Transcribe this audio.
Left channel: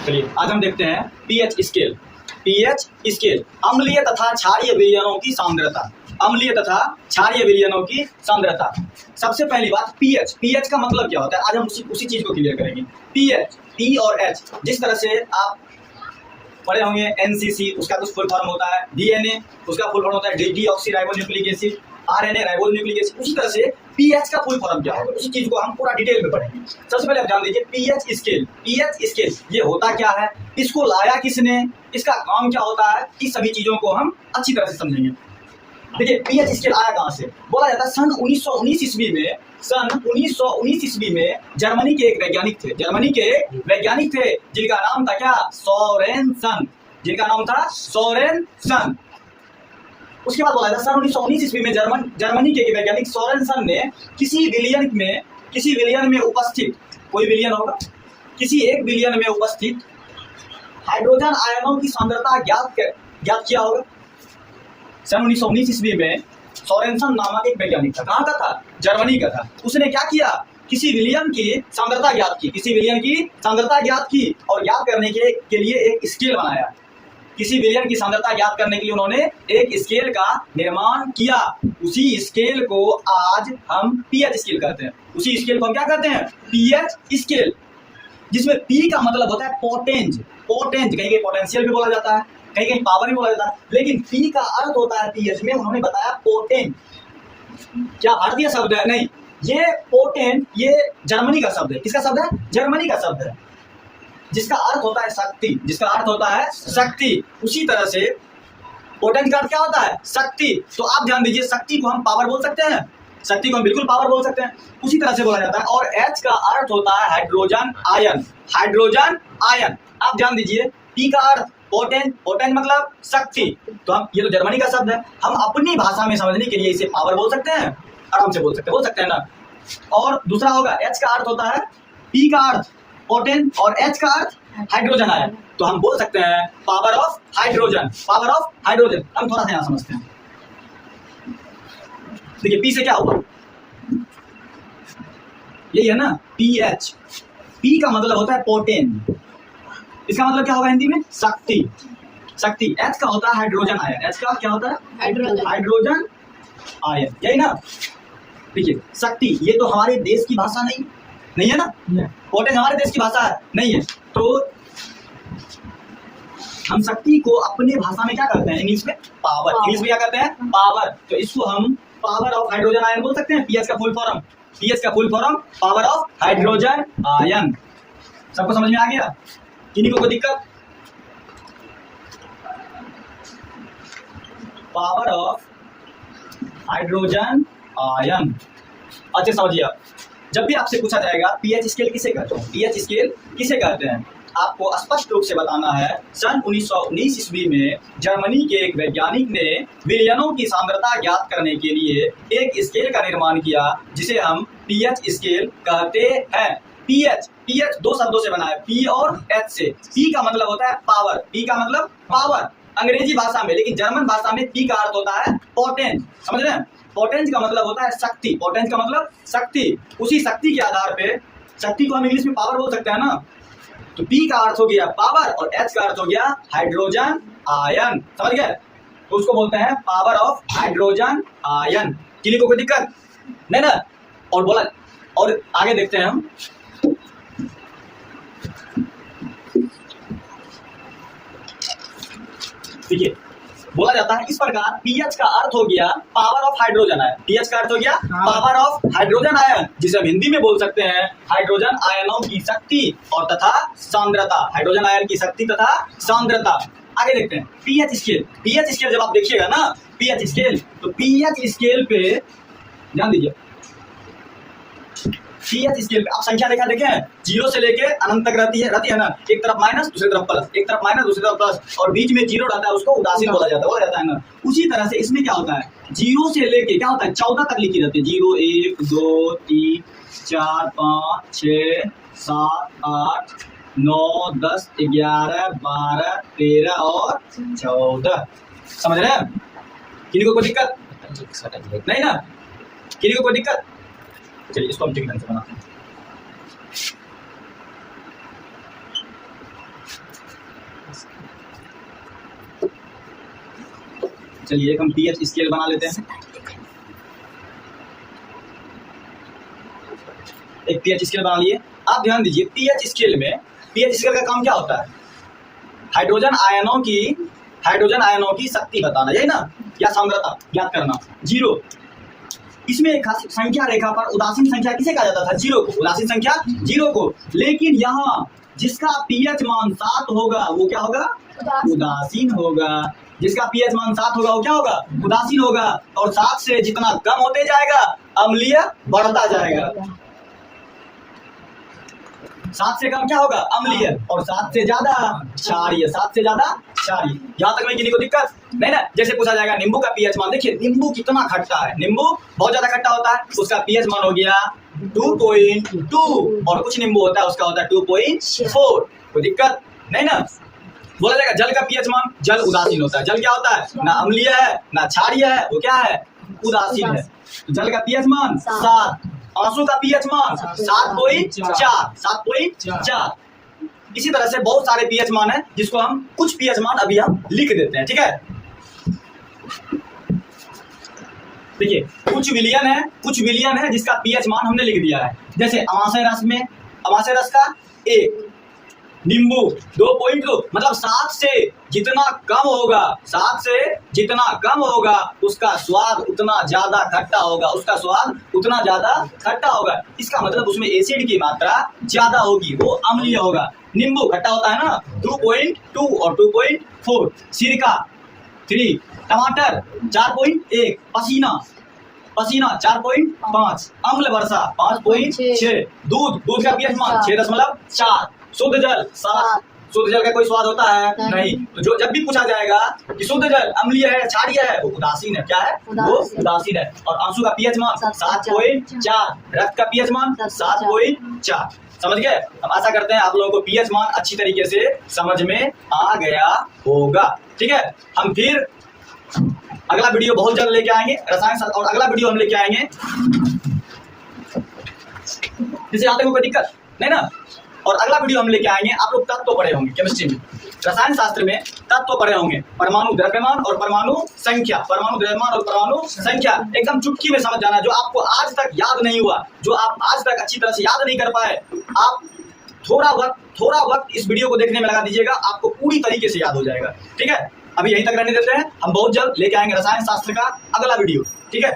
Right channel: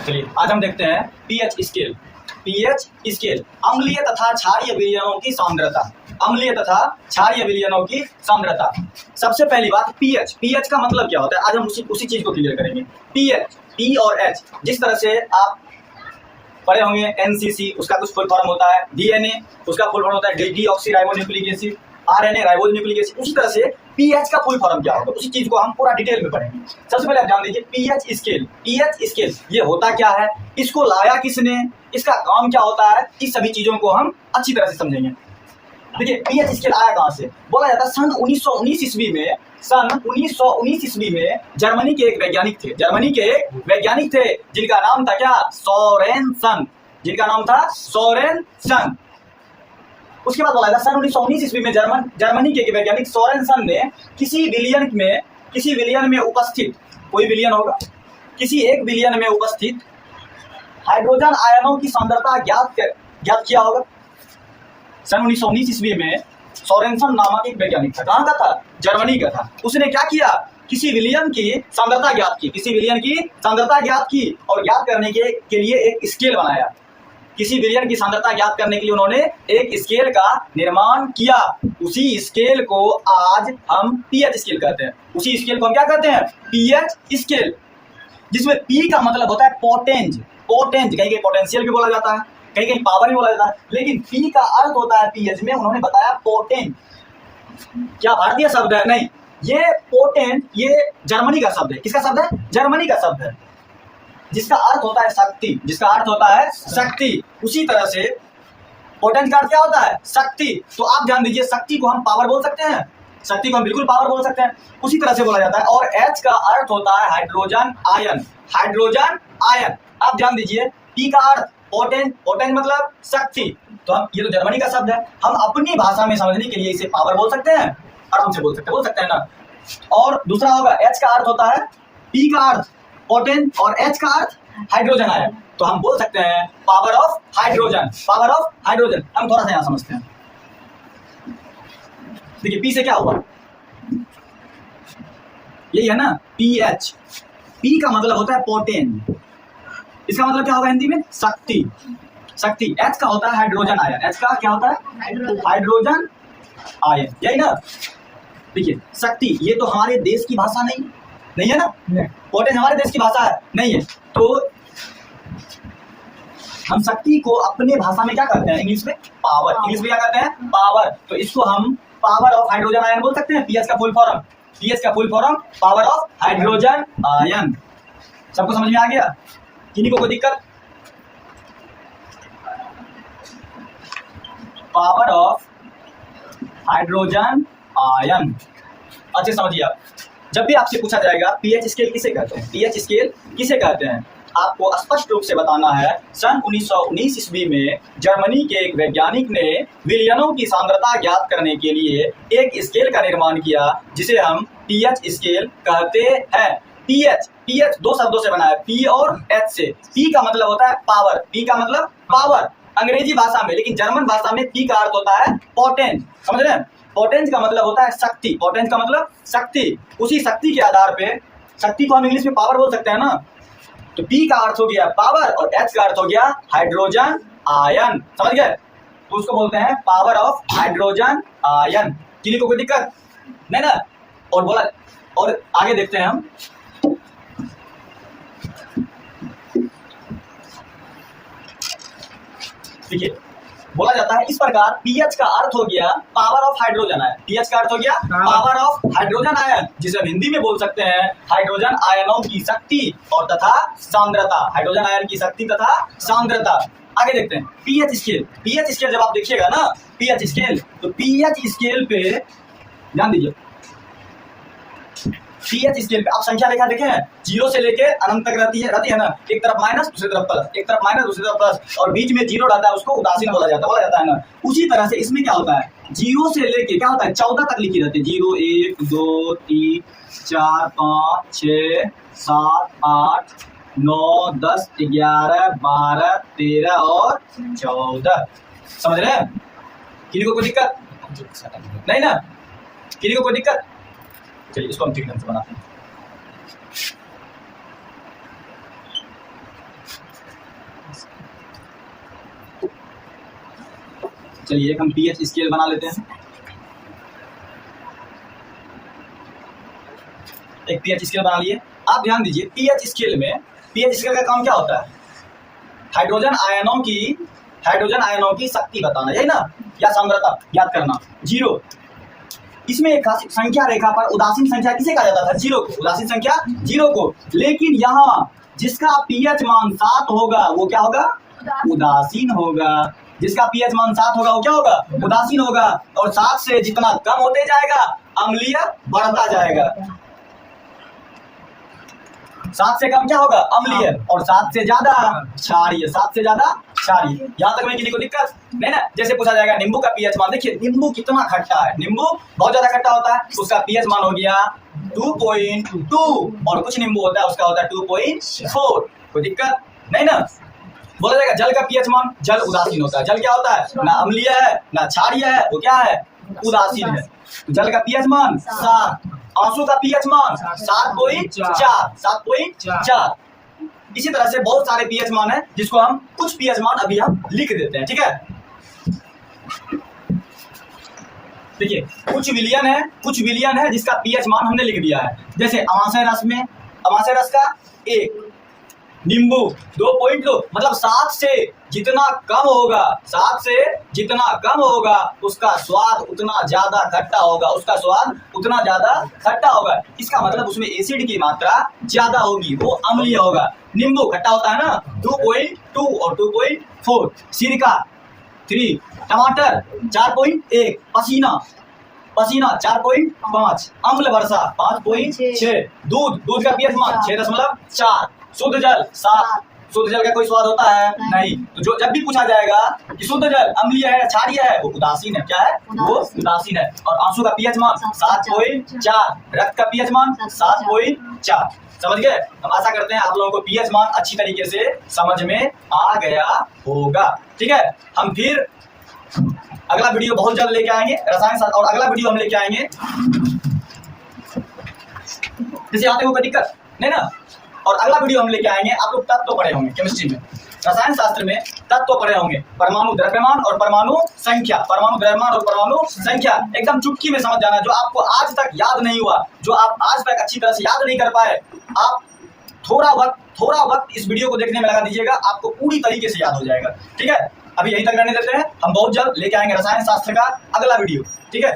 चलिए आज हम देखते हैं पीएच स्केल। पीएच स्केल अम्लीय तथा क्षारीय विलयनों की सांद्रता। अम्लीय तथा क्षारीय विलयनों की सांद्रता। सबसे पहली बात पीएच। पीएच का मतलब क्या होता है, आज हम उसी चीज को क्लियर करेंगे। पीएच, पी और एच, जिस तरह से आप पढ़े होंगे एनसीसी, उसका कुछ फुल फॉर्म होता है। डीएनए, उसका फुल फॉर्म होता है deoxyribonucleic acid. RNA, ribonucleic acid. उसी तरह से पीएच का फुल फॉर्म क्या होगा, उसी चीज को हम पूरा डिटेल में पढ़ेंगे। सबसे पहले आप जान लीजिए पीएच स्केल। पीएच स्केल ये होता क्या है, इसको लाया किसने, इसका काम क्या होता है, इस सभी चीजों को हम अच्छी तरह से समझेंगे। देखिए पीएच स्केल आया कहां से, बोला जाता है सन 1919 ईस्वी में। सन 1919 ईस्वी में जर्मनी के एक वैज्ञानिक थे। जर्मनी के एक वैज्ञानिक थे जिनका नाम था क्या, सोरेनसन। जिनका नाम था सोरेनसन। उसके बाद बोला था सन 1919 ईस्वी में जर्मनी के एक वैज्ञानिक सोरेनसन ने किसी विलियन में उपस्थित, कोई विलियन होगा, किसी एक विलियन में उपस्थित हाइड्रोजन आयनों की सांद्रता ज्ञात किया होगा। सन 1919 ईस्वी में सोरेनसन नामक एक वैज्ञानिक था। कहाँ का था, जर्मनी का था। उसने क्या किया, किसी विलियन की सांद्रता ज्ञात की, किसी विलियन की सांद्रता ज्ञात की और ज्ञात करने के लिए एक स्केल बनाया। किसी विलियन की सांद्रता ज्ञात करने के लिए उन्होंने एक स्केल का निर्माण किया। उसी स्केल को आज हम पीएच स्केल कहते हैं। उसी स्केल को हम क्या कहते हैं, पीएच स्केल, जिसमें पी का मतलब होता है पोटेंज। पोटेंज कहीं कहीं पोटेंशियल भी बोला जाता है, कहीं कहीं पावर भी बोला जाता है, लेकिन पी का अर्थ होता है पीएच में, उन्होंने बताया पोटेंज। क्या भारतीय शब्द है, नहीं, ये पोटेंज ये जर्मनी का शब्द है। किसका शब्द है, जर्मनी का शब्द है, जिसका अर्थ होता है शक्ति। जिसका अर्थ होता है शक्ति। उसी तरह से पोटेंज का अर्थ क्या होता है, शक्ति। तो आप ध्यान दीजिए, शक्ति को हम पावर बोल सकते हैं, शक्ति को हम बिल्कुल पावर बोल सकते हैं। उसी तरह से बोला जाता है। और एच का अर्थ होता है हाइड्रोजन आयन। हाइड्रोजन आयन, आप ध्यान दीजिए, पी का अर्थ पोटेंज, पोटेंज मतलब शक्ति। तो हम, ये तो जर्मनी का शब्द है, हम अपनी भाषा में समझने के लिए इसे पावर बोल सकते हैं, आराम से बोल सकते हैं ना। और दूसरा होगा एच का अर्थ होता है, पी का अर्थ पोटेंज और एच का अर्थ हाइड्रोजन आयन। तो हम बोल सकते हैं power of hydrogen. Power of hydrogen हम थोड़ा सा यहां समझते हैं। देखिए पी से क्या हुआ, यही है ना पीएच। पी का मतलब होता है पोटेंज, इसका मतलब क्या होगा हिंदी में, शक्ति। शक्ति। एच का होता है हाइड्रोजन आयन। एच का क्या होता है, हाइड्रोजन आयन, यही ना। देखिए शक्ति ये तो हमारे देश की भाषा नहीं है ना। पोटेंज हमारे देश की भाषा है, नहीं है। तो हम शक्ति को अपने भाषा में क्या कहते हैं, इंग्लिश में पावर। इंग्लिश में क्या कहते हैं, पावर। तो इसको हम पावर ऑफ हाइड्रोजन आयन बोल सकते हैं। पीएच का फुल फॉर्म, पीएच का full form power of hydrogen ion. सबको समझ में आ गया, किन्हीं को कोई दिक्कत। पावर ऑफ हाइड्रोजन आयन अच्छे समझिए आप। जब भी आपसे पूछा जाएगा पीएच स्केल किसे कहते हैं, पीएच स्केल किसे कहते हैं, आपको स्पष्ट रूप से बताना है। सन 1919 ईस्वी में जर्मनी के एक वैज्ञानिक ने विलयनों की सांद्रता ज्ञात करने के लिए एक स्केल का निर्माण किया, जिसे हम पीएच स्केल कहते हैं। पीएच, पीएच दो शब्दों से बना है, पी और एच से। पी का मतलब होता है पावर, पी का मतलब पावर अंग्रेजी भाषा में, लेकिन जर्मन भाषा में पी का अर्थ होता है पोटेंज। समझ रहे हैं, पोटेंज का मतलब होता है शक्ति। पोटेंज का मतलब शक्ति। उसी शक्ति के आधार पे, शक्ति को हम इंग्लिश में पावर बोल सकते हैं ना। तो पी का अर्थ हो गया पावर और एच का अर्थ हो गया हाइड्रोजन आयन। समझ गए, तो उसको बोलते हैं पावर ऑफ हाइड्रोजन आयन। किसी को कोई दिक्कत नहीं ना। और बोला, और आगे देखते हैं हम। देखिए बोला जाता है इस प्रकार, पीएच का अर्थ हो गया power of hydrogen ion. PH का अर्थ हो गया पावर ऑफ हाइड्रोजन आयन, जिसे हम हिंदी में बोल सकते हैं हाइड्रोजन आयनों की शक्ति और तथा सांद्रता। हाइड्रोजन आयन की शक्ति तथा सांद्रता। आगे देखते हैं पीएच स्केल। पीएच स्केल जब आप देखिएगा ना, पीएच स्केल, तो पीएच स्केल पे ध्यान दीजिए। पीएच स्केल पे आप संख्या रेखा देखें, 0 से लेके अनंत तक रहती है ना। एक तरफ माइनस, दूसरी तरफ प्लस, एक तरफ माइनस, दूसरी तरफ प्लस, और बीच में 0 रहता है, उसको उदासीन बोला जाता है ना। उसी तरह से इसमें क्या होता है, 0 से लेके क्या होता है 14 तक लिखी रहती है। 0 1 2 3 4 5 6 7 8 9 10 11 12 13 और 14। समझ रहे हैं, किसी को कोई दिक्कत नहीं ना, किसी को कोई दिक्कत। चलिए इसको हम ठीक ढंग से बनाते हैं। चलिए एक हम पीएच स्केल बना लेते हैं। एक पीएच स्केल बना लिए। आप ध्यान दीजिए, पीएच स्केल का काम क्या होता है? हाइड्रोजन आयनों की शक्ति बताना, यही ना, या सांद्रता ज्ञात करना। 0 इसमें एक खास संख्या रेखा पर उदासीन संख्या किसे कहा जाता था? 0 को। उदासीन संख्या 0 को। लेकिन यहाँ जिसका पीएच मान 7 होगा वो क्या होगा? उदासीन होगा। जिसका पीएच मान 7 होगा वो क्या होगा? उदासीन होगा। और 7 से जितना कम होते जाएगा अम्लीय बढ़ता जाएगा। 7 से कम क्या होगा? अम्लीय। और 7 से ज्यादा क्षारीय। 7 से ज्यादा क्षारीय। यहाँ तक में किसी को दिक्कत नहीं ना? जैसे पूछा जाएगा नींबू का पीएच मान, देखिए नींबू कितना खट्टा है, नींबू बहुत ज्यादा खट्टा होता है, उसका पीएच मान हो गया 2.2। और कुछ नींबू होता है उसका होता है 2.4। कोई दिक्कत नहीं ना? बोला जाएगा जल का पीएच मान, जल उदासीन होता है। जल क्या होता है? ना अम्लीय है ना क्षारीय है, वो क्या है? उदासीन है। तो जल का पीएच मान 7, आंसू का पीएच मान 7.4। इसी तरह से बहुत सारे पीएच मान है जिसको हम कुछ पीएच मान अभी हम लिख देते हैं, ठीक है? देखिए कुछ विलियन है जिसका पीएच मान हमने लिख दिया है। जैसे अमाशय रस का 1, नींबू 2.2, मतलब 7 से जितना कम होगा उसका स्वाद उतना ज्यादा खट्टा होगा। इसका मतलब उसमें एसिड की मात्रा ज्यादा होगी, वो अम्लीय होगा। नींबू खट्टा होता है ना, 2.2 और 2.4। सिरका 3, टमाटर 4.1, पसीना 4.5, अम्ल वर्षा 5.6, दूध का पीएच मान 6.4, शुद्ध जल 7। शुद्ध जल का कोई स्वाद होता है? नहीं। तो जो जब भी पूछा जाएगा कि शुद्ध जल अम्लीय है क्षारीय है, वो उदासीन है। क्या है? वो उदासीन है। और आंसू का पीएच मान 7.4, रक्त का पीएच मान 7.4। समझ गए? हम आशा करते हैं आप लोगों को पीएच मान अच्छी तरीके से समझ में आ गया होगा, ठीक है? हम फिर अगला वीडियो बहुत जल्द लेके आएंगे रसायन शास्त्र, और अगला वीडियो हम लेके आएंगे, जैसे आते को कोई दिक्कत नहीं ना? और अगला वीडियो हम लेके आएंगे, आप लोग तत्व पढ़े होंगे केमिस्ट्री में, रसायन शास्त्र में तत्व पढ़े होंगे, परमाणु द्रव्यमान और परमाणु संख्या, एकदम चुटकी में समझ जाना। जो आपको आज तक याद नहीं हुआ, जो आप आज तक अच्छी तरह से याद नहीं कर पाए, आप थोड़ा वक्त इस वीडियो को देखने में लगा दीजिएगा, आपको पूरी तरीके से याद हो जाएगा, ठीक है? अभी यहीं तक रहने देते हैं, हम बहुत जल्द लेके आएंगे रसायन शास्त्र का अगला वीडियो, ठीक है?